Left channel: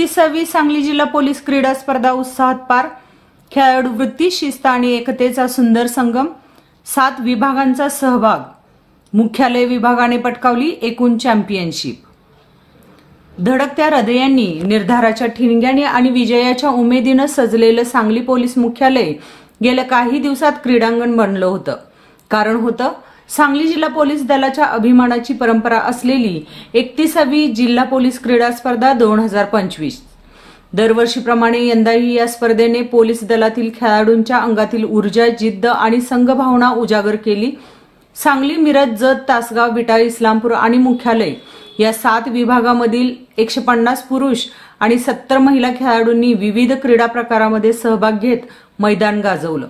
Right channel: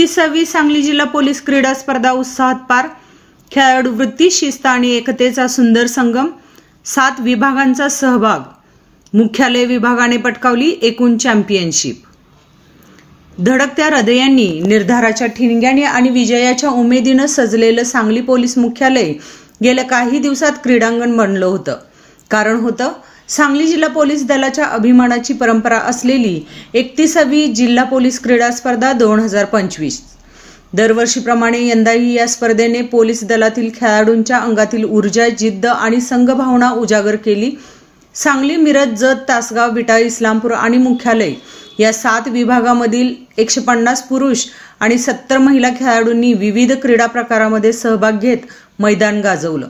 31वी सांगली जिल्हा पोलीस क्रीडा स्पर्धा उत्साहात पार। खेळाडू वृत्ती, शिस्त आणि एकतेचा सुंदर संगम। 7 विभागांचा सहभाग। मुख्यालय विभागाने पटकावली एकूण चॅम्पियनशिप। धडकत्या हृदयांनी, निर्धाराच्या ठिणग्याने आणि विजयाच्या उमेदीने सजलेलं सांगली पोलीस मुख्यालय गेल्या काही दिवसात क्रीडांगण बनलं होतं। कारण होतं सांगली जिल्हा पोलीस दलाच्या अभिमानाची परंपरा असलेली 31वी जिल्हा पोलीस क्रीडा स्पर्धा 2025। दरवर्षीप्रमाणे यंदाही या स्पर्धेने पोलीस दलातील खेळाडूंच्या अंगातील ऊर्जा, जिद्द आणि संघभावना उजागर केली। सांगली, मिरज, जत, तासगाव, विटा, इस्लामपूर आणि मुख्यालय या 7 विभागामधील 150 पुरुष आणि 70 महिला खेळाडूंनी विविध क्रीडा प्रकारामध्ये सहभाग घेत मैदान गाजवलं।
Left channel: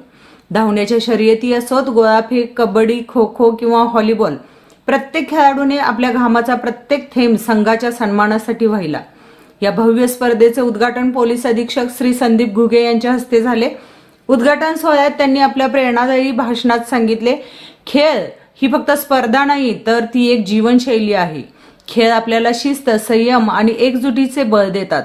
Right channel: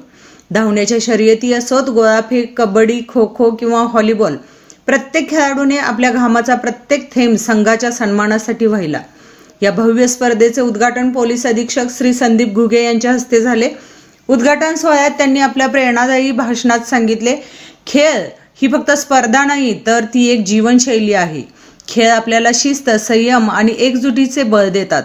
धावण्याच्या शर्यती असोत, गोळाफेक, कबड्डी, खो खो किंवा व्हॉलीबॉल, प्रत्येक खेळाडूने आपल्या घामाचा प्रत्येक थेंब संघाच्या सन्मानासाठी वाहिला। या भव्य स्पर्धेचे उद्घाटन पोलीस अधीक्षक श्री संदीप घुगे यांच्या हस्ते झाले। उद्घाटन सोहळ्यात त्यांनी आपल्या प्रेरणादायी भाषणात सांगितले, खेळ ही फक्त स्पर्धा नाही तर ती एक जीवनशैली आहे। खेळ आपल्याला शिस्त, संयम आणि एकजुटीचे बळ देतात।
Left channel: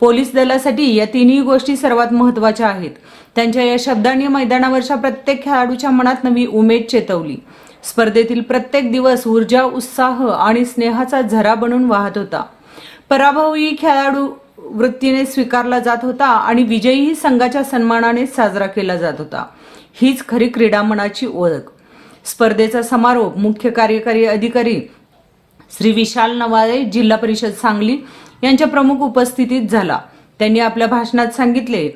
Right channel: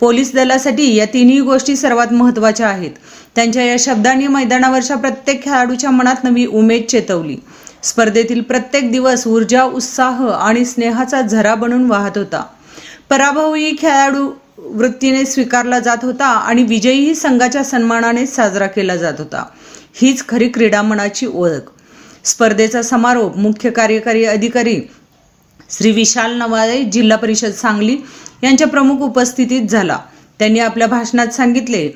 पोलीस दलासाठी या तिन्ही गोष्टी सर्वात महत्त्वाच्या आहेत। त्यांच्या या शब्दांनी मैदानावरच्या प्रत्येक खेळाडूच्या मनात नवी उमेद चेतवली। स्पर्धेतील प्रत्येक दिवस ऊर्जा, उत्साह आणि स्नेहाचा झरा बनून वाहत होता। पराभवही खेळाडू वृत्तीने स्वीकारला जात होता आणि विजयही संघाच्या सन्मानाने साजरा केला जात होता। हीच खरी क्रीडा मनाची ओळख। स्पर्धेचा समारोप मुख्य कार्यकारी अधिकारी श्री विशाल नवाळे, जिल्हा परिषद सांगली यांच्या प्रमुख उपस्थितीत झाला। त्यांनी आपल्या भाषणात सांगितले,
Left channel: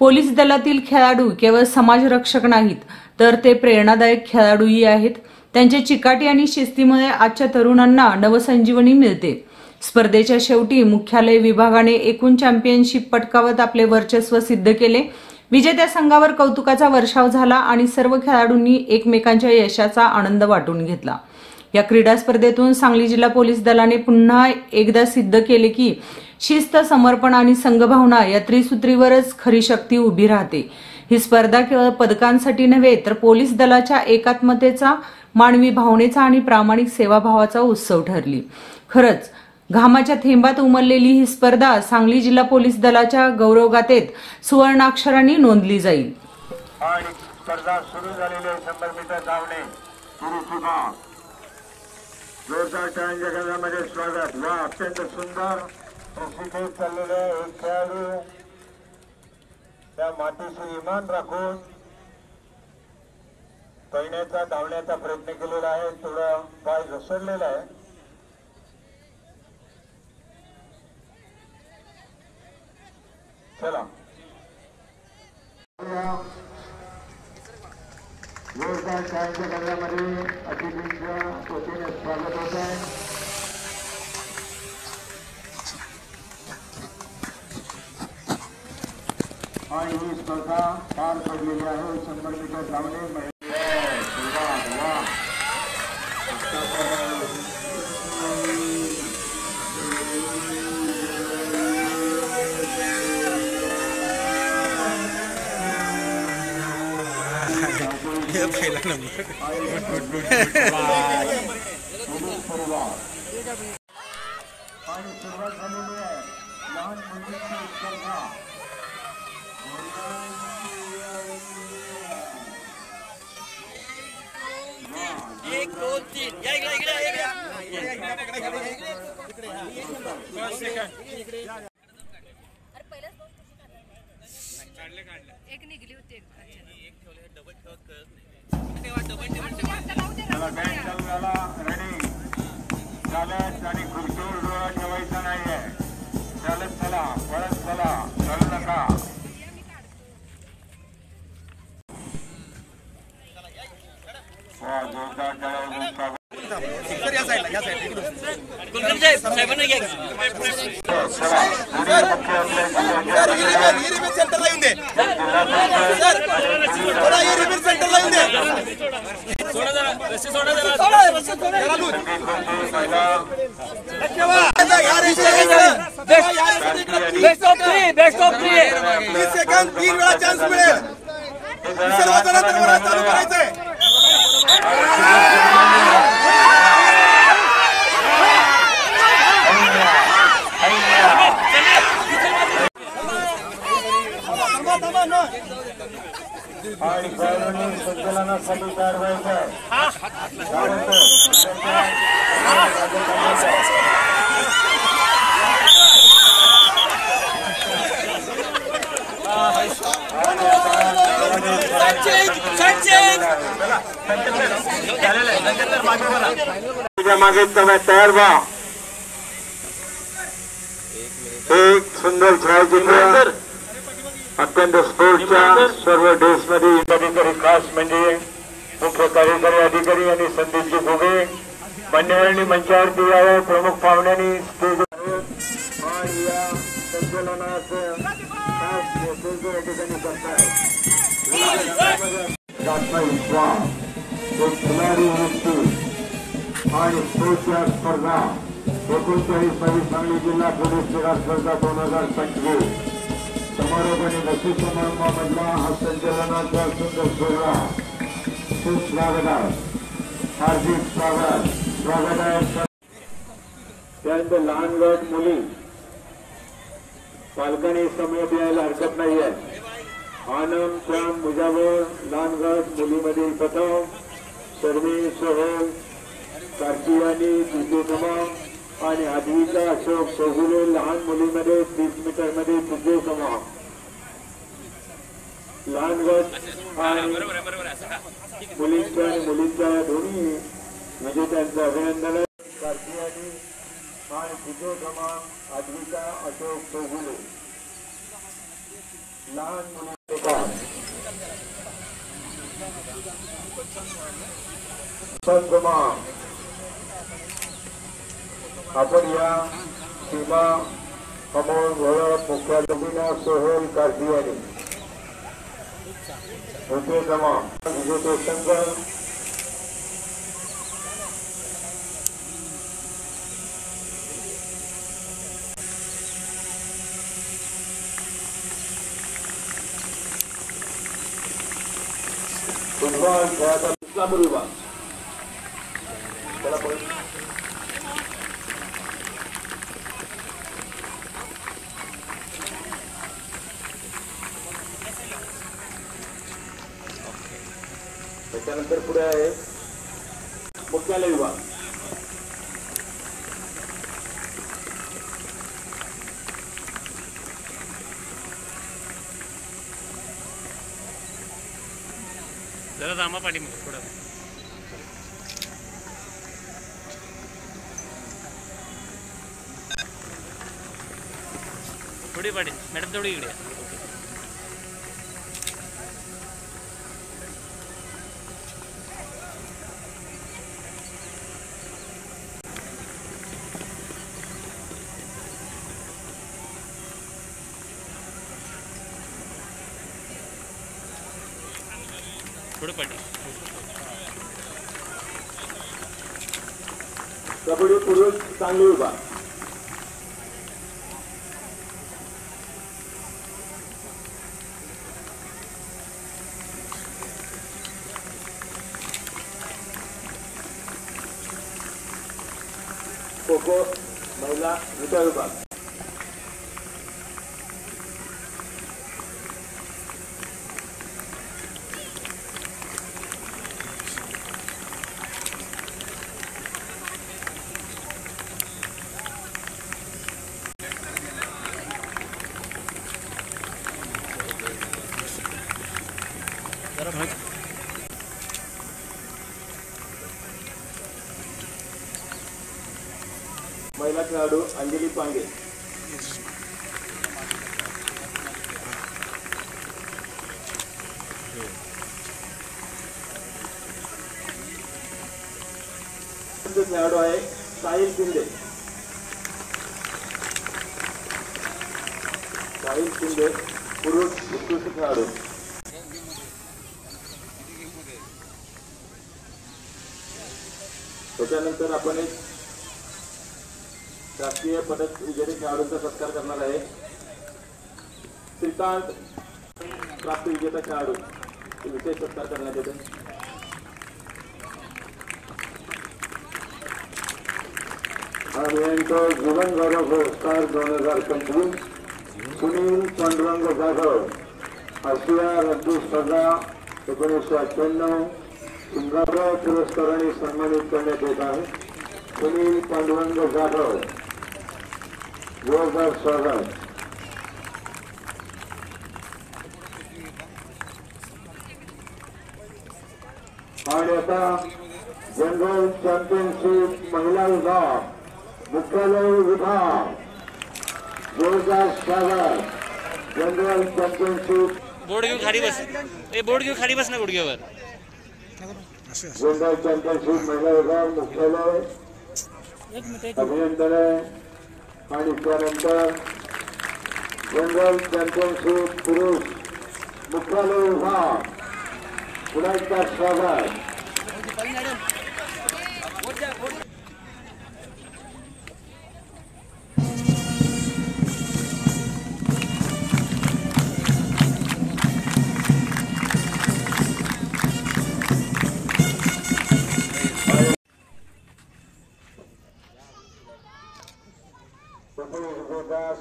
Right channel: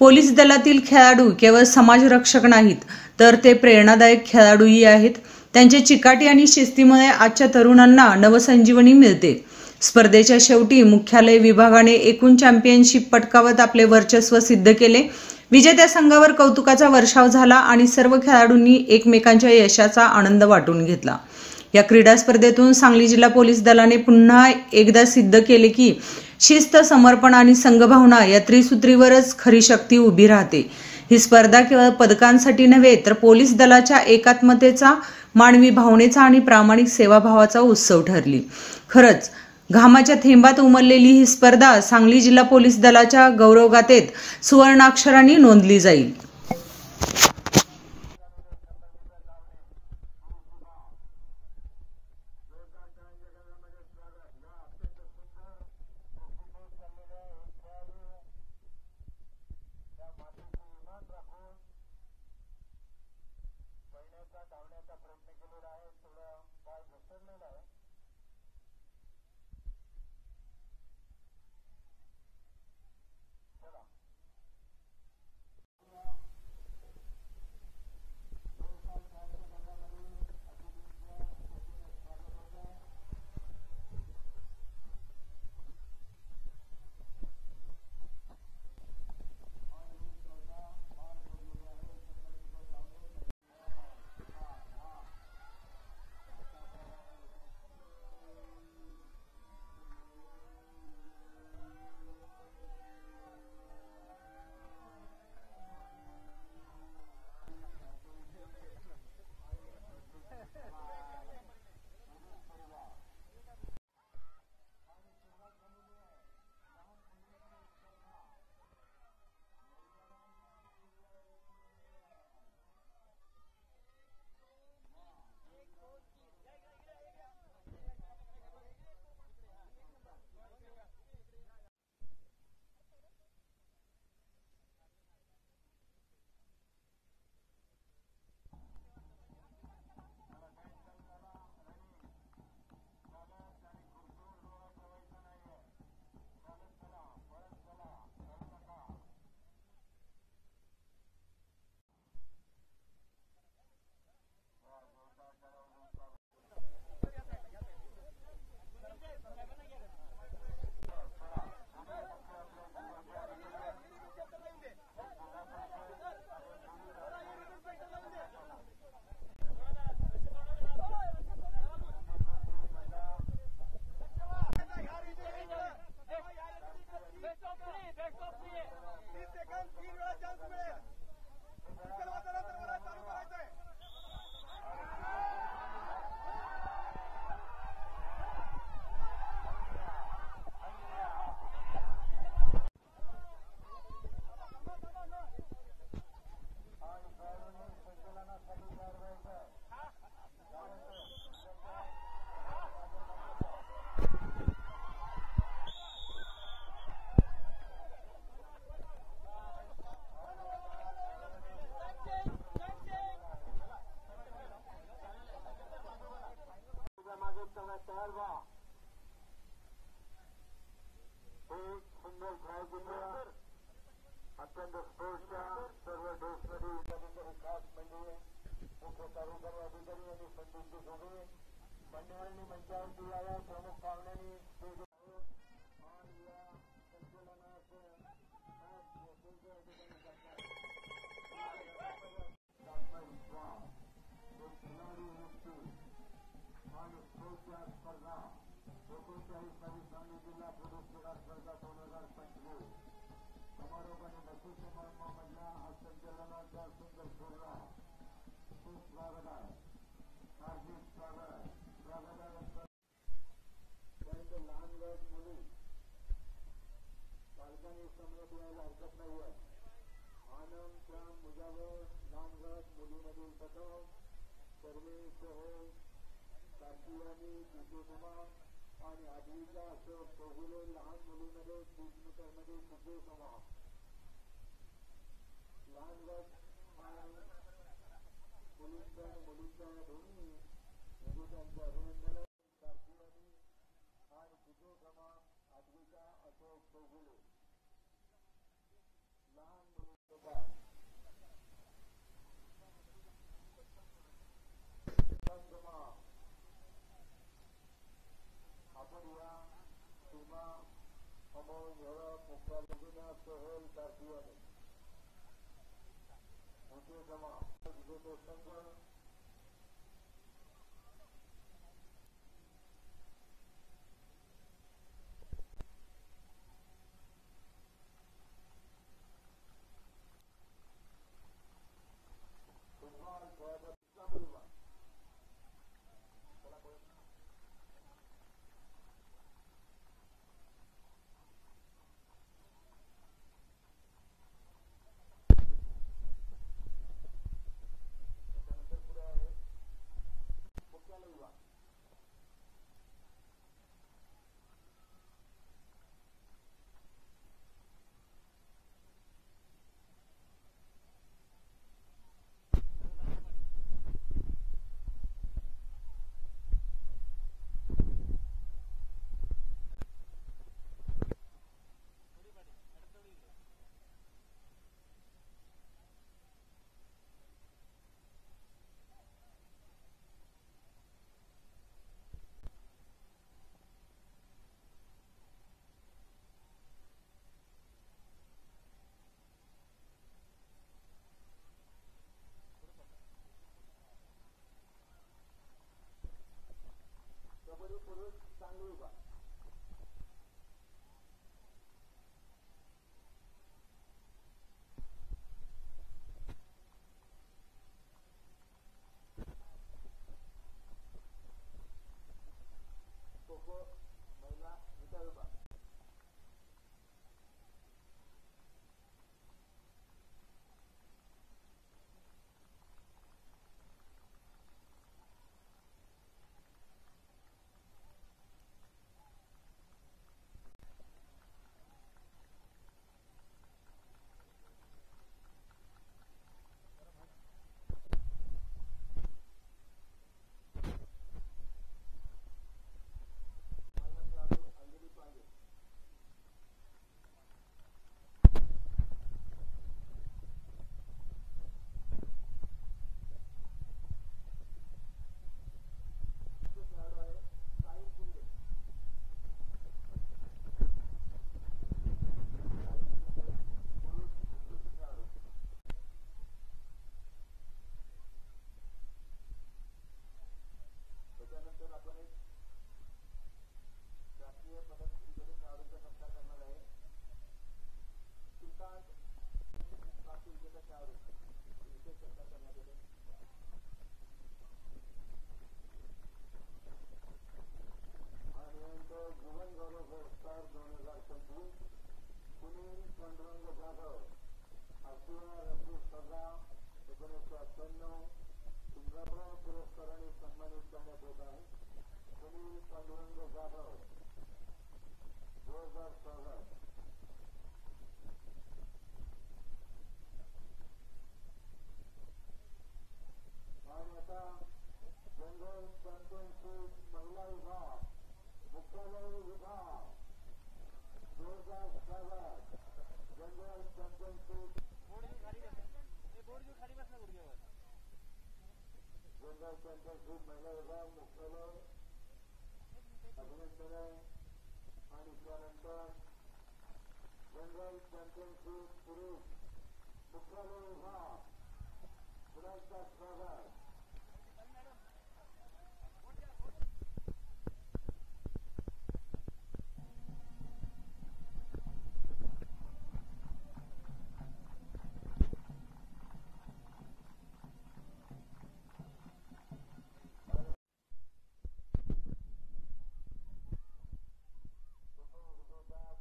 पोलीस दलातील खेळाडू केवळ समाजरक्षक नाहीत तर ते प्रेरणादायक खेळाडूही आहेत। त्यांच्या चिकाटी आणि शिस्तीमुळे आजच्या तरुणांना नवसंजीवनी मिळते। स्पर्धेच्या शेवटी मुख्यालय विभागाने एकूण चॅम्पियनशिप पटकावत आपले वर्चस्व सिद्ध केले। विजेत्या संघावर कौतुकाचा वर्षाव झाला आणि सर्व खेळाडूंनी एकमेकांच्या यशाचा आनंद वाटून घेतला। या क्रीडा स्पर्धेतून सांगली जिल्हा पोलीस दलाने पुन्हा एकदा सिद्ध केले की शिस्त, समर्पण आणि संघभावना या त्रिसूत्रीवरच खरी शक्ती उभी राहते। ही स्पर्धा केवळ पदकांसाठी नव्हे तर पोलीस दलाच्या एकात्मतेचा, मानवी भावनेचा आणि प्रामाणिक सेवाभावाचा उत्सव ठरली। खरंच घामाच्या थेंबात उमललेली ही स्पर्धा सांगली जिल्हा पोलीस दलाच्या गौरवगाथेत सुवर्णाक्षरांनी नोंदली जाईल। जोरदार टाळ्यांच्या गजरामध्ये स्वागत। वा, अत्यंत सुंदर प्रशिक्षित चाललेले एक खेळाडू त्या मातीशी इमान राखून पळण्याचा, धावण्याचा प्रयत्न केलेला आहे। थोडा पाय घसरलेला आहे। चला, जोरदार टाळ्यांच्या गजरामध्ये अतिथींच्या वतीने स्वागत होत आहे। आणि ही स्पर्धा पार पडलेली आहे। 100 मीटर धावणे पहिला नंबर आणि सुरुवात झालेली आहे लहान मुलींची स्पर्धा। 1 2 3 या एक निघली होती, एक ठेवले, डबल ठेवत रेडी चालत आणि खुर्चीवर डोळा ठेवायचा नाहीये। चालत चला, पळत चला, चालू नका। जोरदार टाळ्या बेस्ट ऑफ 3 सेकंड 3 वेळा चान्स मिळेल। सर्वजण तर चालू करायचंय। आणि खेळाडूंनी संचलनासाठी तयार व्हायचं आहे. मागे तयार व्हा. एक सुंदर छायाचित्र अत्यंत स्पोर्टच्या सर्व ड्रेसमध्ये अधिकारी खास म्हणजे मुख्य कार्यकारी अधिकारी आणि संदीपजी घुगे मान्यवरांनी मंचावरती यावं. प्रमुख पाहुण्यांनी स्टेज आणि या संचलनाचं खास नेतृत्व या ठिकाणी करताय. एक खिलाडी वृत्ती आणि स्पोर्टच्या स्पर्धा 39 सांगली जिल्हा पोलीस क्रीडा स्पर्धा 2025 समारोपाने बक्षीस समारंभामधला हा संचलनाचा सुंदर सोहळा. खूप स्वागत आहे. हार्दिक स्वागत आहे. त्यानंतर लहान गट मुली पालकांनी समय द्यायला हरकत नाही आहे. आनंद श्याम मुजावर लहान गट मुलीमध्ये प्रथम, शर्मी सोहल कार्तियानी द्वितीय क्रमांक आणि आद्विका अशोक चौगुले लहान मुलीमध्ये 30 मीटरमध्ये तृतीय क्रमांक. लहान गट आणि मुलींच्या आणि मुलींच्या दोन्ही विजेत्यांचं अभिनंदन. कार्तियानी आणि तृतीय क्रमांक आद्विका अशोक चौगुले लहान मुली. आपण या सीमा अमोल घोळप मुख्याधिकाऱ्यांना सोहेल कार्तियानी होते जमा विजेते संघ फुटबॉल खेळाचा इस्लामपूर विभाग. त्याच्यानंतर पुढे आहे मुख्यालय विभाग. जरा जामा पाठी थोडा थोडी पाठी मॅडम थोडी इकडे. कबड्डी पुरुष सांगली विभाग. खो खो महिला विटा विभाग. महिला खेळाडू अंजली पांगे. खेळाडू आहे साहिल शिंदे. साहिल शिंदे पुरुष उत्कृष्ट खेळाडू. त्याच्यानंतर आपण एक राष्ट्रीय पदक विजेते खेळाडूंचा सत्कार करणार आहे. श्रीकांत प्राप्त विजेता खेळाडू विशेष सत्कार करण्यात येते. आणि यांचा जीवन गौरव पुरस्कार 2025 सुनील पांडुरंग जाधव आशिया रग्बी स्पर्धा 1998 सिंगापूर पुरस्काराने सन्मानित करण्यात येत आहे. सुनील पांडुरंग जाधव, जोरदार स्वागत. आणि आता जनरल चॅम्पियनशिप महिला विभाग मुख्यालय विभाग, जोरदार स्वागत. जनरल चॅम्पियनशिप बोर्ड घेऊन खाली बस. बोर्ड घेऊन खाली बस ना गुडघ्यावर. जनरल चॅम्पियनशिप महिला विभाग मुख्यालय अभिनंदन आहे. आणि त्यानंतर जनरल चॅम्पियनशिप पुरुष मुख्यालय विभाग पुन्हा एकदा स्वागत.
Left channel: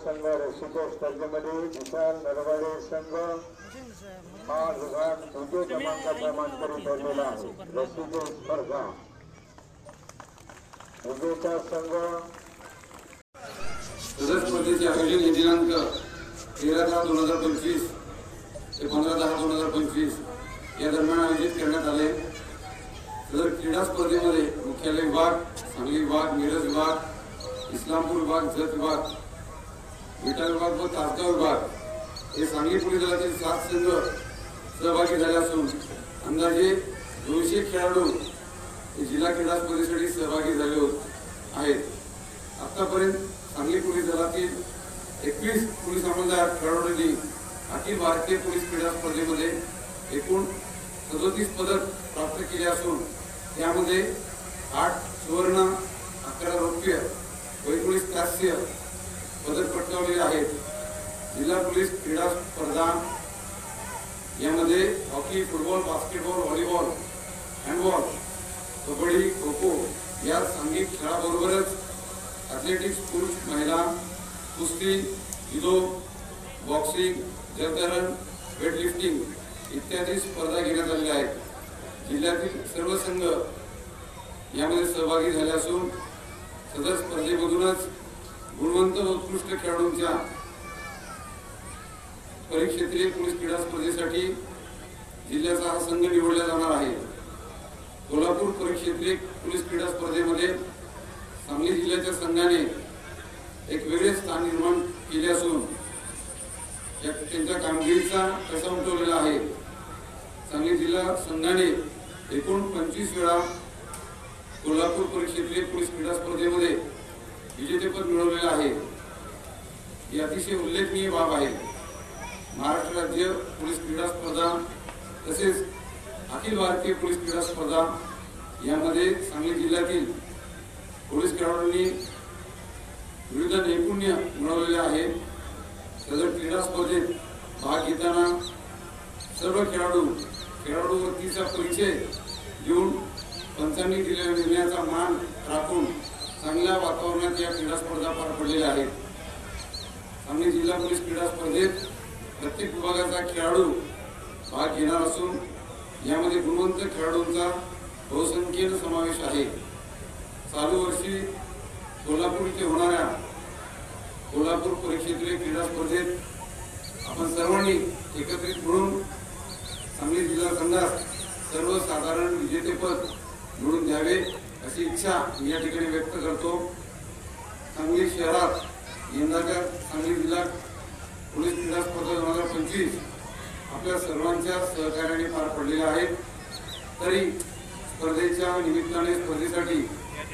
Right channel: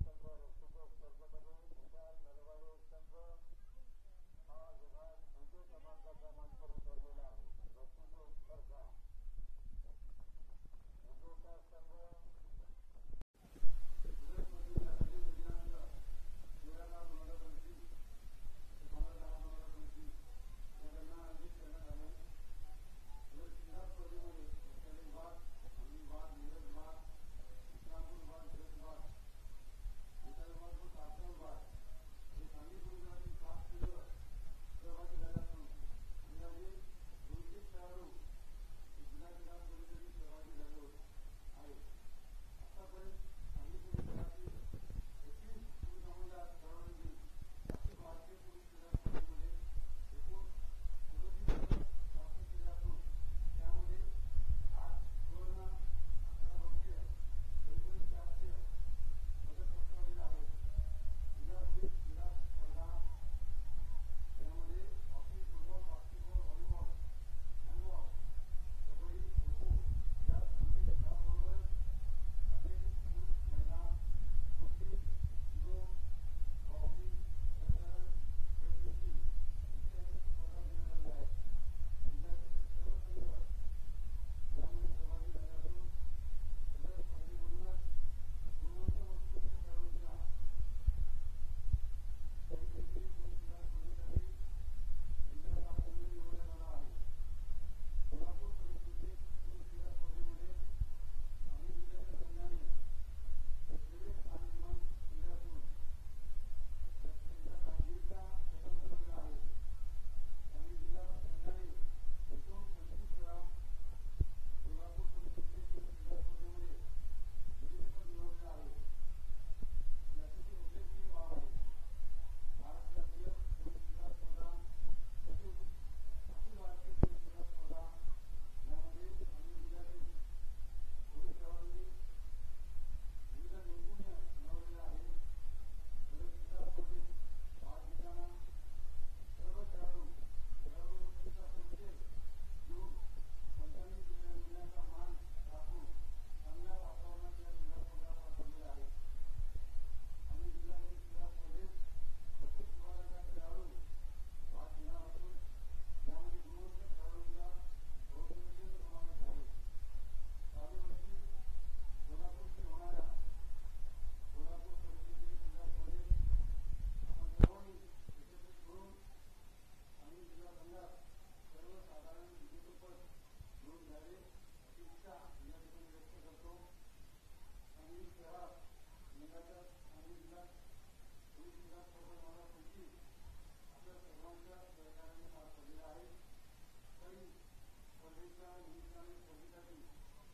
संघ रस्सीच्या स्पर्धेमध्ये विशाल नरवाडे संघ हा विभाग द्वितीय क्रमांकाचा मानकरी ठरलेला आहे. रस्सीची स्पर्धा विजेता संघ सदर स्पर्धेचे आयोजन हे दिनांक 13/10/2025 ते 15/10/2025 या दरम्यान आयोजित करण्यात आले. सदर क्रीडा स्पर्धेमध्ये मुख्यालय विभाग, सांगली विभाग, मिरज विभाग, इस्लामपूर विभाग, जत विभाग, विटा विभाग व तासगाव विभाग हे सांगली पोलीस दलातील 7 संघ सहभागी झाले असून अंदाजे 200 खेळाडू जिल्हा क्रीडा स्पर्धेसाठी सहभागी झाले आहेत. आतापर्यंत सांगली पोलीस दलातील 21 पोलीस अंमलदार खेळाडूंनी अखिल भारतीय पोलीस क्रीडा स्पर्धेमध्ये एकूण 37 पदक प्राप्त केले असून त्यामध्ये 8 सुवर्ण, 11 रौप्य व 19 कांस्य पदक पटकावलेले आहेत. जिल्हा पोलीस क्रीडा स्पर्धा यामध्ये hockey, football, basketball, volleyball, handball, kabaddi, kho kho या सांघिक खेळाबरोबरच ॲथलेटिक्स, पुरुष, महिला, कुस्ती, जुदो, बॉक्सिंग, जलतरण, वेटलिफ्टिंग इत्यादी स्पर्धा घेण्यात आलेल्या आहेत. जिल्ह्यातील सर्व संघ यामध्ये सहभागी झाले असून सदर स्पर्धेमधूनच गुणवंत व उत्कृष्ट खेळाडूंच्या परिक्षेत्रीय पोलीस क्रीडा स्पर्धेसाठी जिल्ह्याचा हा संघ निवडला जाणार आहे. कोल्हापूर परिक्षेत्रीय पोलीस क्रीडा स्पर्धेमध्ये सांगली जिल्ह्याच्या संघाने एक वेगळे स्थान निर्माण केले असून त्यांच्या कामगिरीचा ठसा उमटवलेला आहे. सांगली जिल्हा संघाने एकूण 25 वेळा कोल्हापूर परिक्षेत्रीय पोलीस क्रीडा स्पर्धेमध्ये विजेतेपद मिळवलेले आहे. ही अतिशय उल्लेखनीय बाब आहे. महाराष्ट्र राज्य पोलीस क्रीडा स्पर्धा तसेच अखिल भारतीय पोलीस क्रीडा स्पर्धा यामध्ये सांगली जिल्ह्यातील पोलीस खेळाडूंनी विविध नैपुण्य मिळवलेले आहे. सदर क्रीडा स्पर्धेत भाग घेताना सर्व खेळाडूवरतीचा परिचय देऊन पंचांनी दिलेल्या निर्णयाचा मान राखून चांगल्या वातावरणात या क्रीडा स्पर्धा पार पडलेल्या आहेत. सांगली जिल्हा पोलीस क्रीडा स्पर्धेत प्रत्येक विभागाचा खेळाडू भाग घेणार असून यामध्ये गुणवंत खेळाडूंचा बहुसंख्येने समावेश आहे. चालू वर्षी कोल्हापूर येथे होणाऱ्या कोल्हापूर परिक्षेत्रीय क्रीडा स्पर्धेत आपण सर्वांनी एकत्रित मिळून सांगली जिल्हा संघात सर्वसाधारण विजेतेपद मिळवून द्यावे अशी इच्छा मी या ठिकाणी व्यक्त करतो. सांगली शहरात यंदाच्या सांगली जिल्हा पोलीस क्रीडा स्पर्धा 2025 आपल्या सर्वांच्या सहकार्याने पार पडलेल्या आहेत. तरी स्पर्धेच्या निमित्ताने स्पर्धेसाठी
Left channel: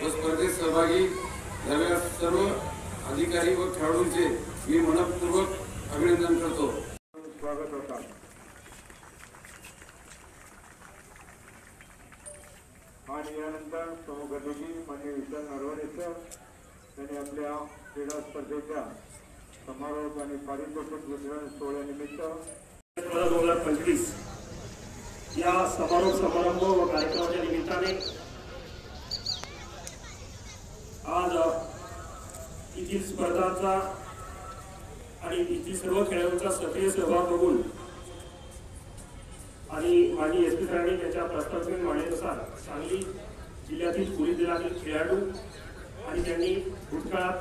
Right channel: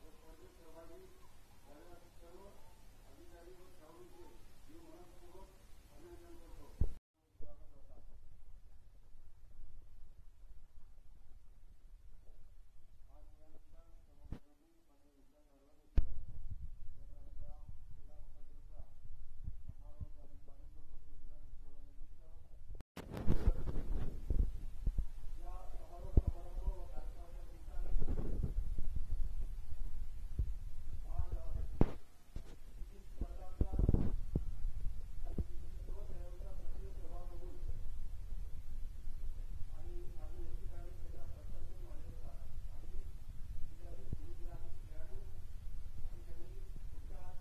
व स्पर्धेत सहभागी झालेल्या सर्व अधिकारी व खेळाडूंचे मी मनपूर्वक अभिनंदन करतो. स्वागत होता. आणि यानंतर प्रमुख अतिथी माननीय विशाल नरवाडे सर यांनी आपल्या क्रीडा स्पर्धेच्या समारोप आणि पारितोषिक वितरण सोहळ्यानिमित्त 2025 या समारोप समारंभ व कार्यक्रमाच्या निमित्ताने आज येथील स्पर्धांचा आणि येथील सर्व खेळाडूंचा सक्रिय सहभाग बघून आणि माजी एसपी सरांनी त्यांच्या प्रस्तावित मांडणीनुसार सांगली जिल्ह्यातील पोलीस दलातील खेळाडू आणि त्यांनी भूतकाळात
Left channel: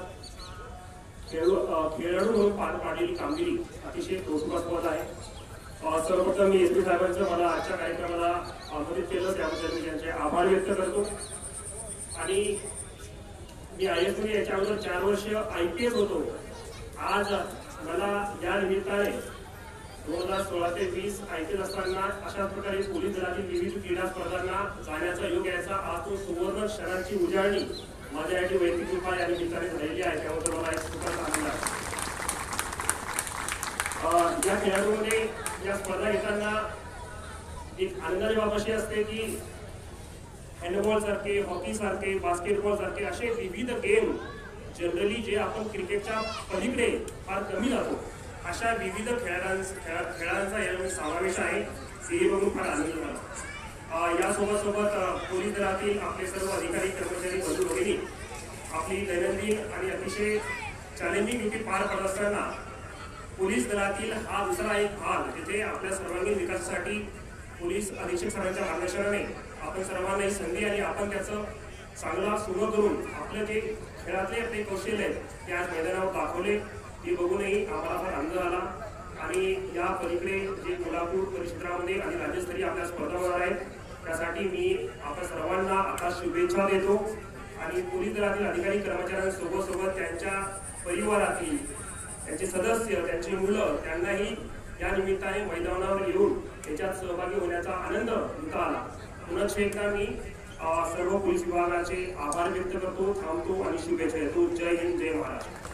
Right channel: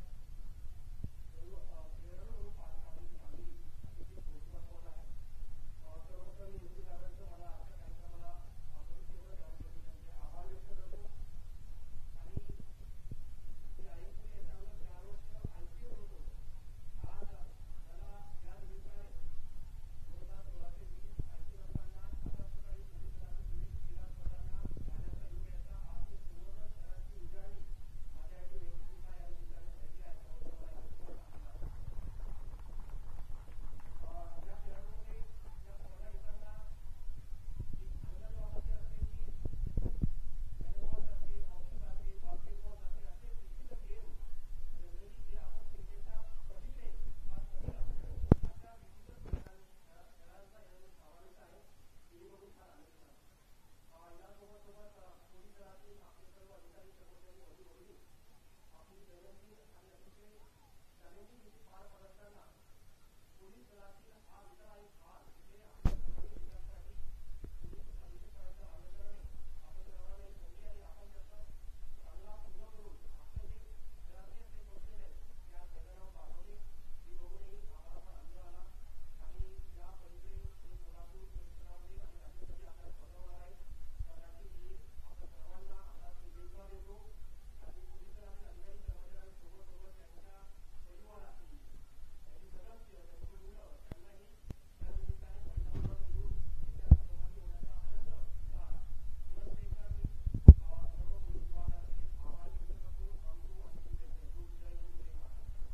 खेळाडू म्हणून पार पाडलेली कामगिरी अतिशय कौतुकास्पद आहे. सर्वप्रथम मी एसपी साहेबांचं मला आजच्या कार्यक्रमाला आमंत्रित केलं त्याबद्दल मी त्यांचे आभार व्यक्त करतो. आणि मी IAS मध्ये याच्या अगोदर 4 वर्ष IPS होतो. आज मला या निमित्ताने 2016 ते 20 IPS असताना अशाच प्रकारे पोलीस दलातील विविध क्रीडा स्पर्धांना जाण्याचा योग यायचा आज तो सुवर्ण क्षणांची उजाळणी माझ्यासाठी वैयक्तिक कृपा या निमित्ताने झालेली आहे. त्याबद्दल मला एक खूपच आनंद आहे. या खेळाडूमध्ये या स्पर्धा घेताना एक आनंदाची बाब अशी असते की हँडबॉल सारखे, हॉकी सारखे, बास्केटबॉल सारखे असे विविध गेम जनरली जे आपण क्रिकेटच्या पलीकडे फार कमी जातो अशा विविध खेळांचा यामध्ये समावेश आहे. हे बघून फार आनंद झाला. यासोबत पोलीस दलातील आपले सर्व अधिकारी कर्मचारी बंधू भगिनी आपली दैनंदिन आणि अतिशय चॅलेंजिंग ड्युटी पार पडत असताना पोलीस दलातील हा दुसरा एक भाग जिथे आपल्या सर्वांगीण विकासासाठी पोलीस अधीक्षक सरांच्या मार्गदर्शनाने आपण सर्वांना ही संधी आणि आपण त्याचं चांगला सुरू करून आपलं जे खेळातले आपले कौशल्य आहेत ते आज मैदानावर दाखवले. हे बघूनही आम्हाला फार आनंद झाला. आणि या पलीकडे जे कोल्हापूर परिक्षेत्रामध्ये आणि राज्यस्तरीय आपल्या स्पर्धा होणार आहेत त्यासाठी मी आपण सर्वांना आता शुभेच्छा देतो. आणि पोलीस दलातील अधिकारी कर्मचाऱ्यांसोबत त्यांच्या परिवारातील त्यांचे सदस्य, त्यांची मुलं त्यांनाही या निमित्ताने मैदानावर येऊन त्याच्यात सहभागी होण्याचा आनंद घेता आला. पुन्हा एकदा मी सर्व पोलीस विभागाचे आभार व्यक्त करतो, थांबतो आणि शुभेच्छा देतो. जय हिंद, जय महाराष्ट्र.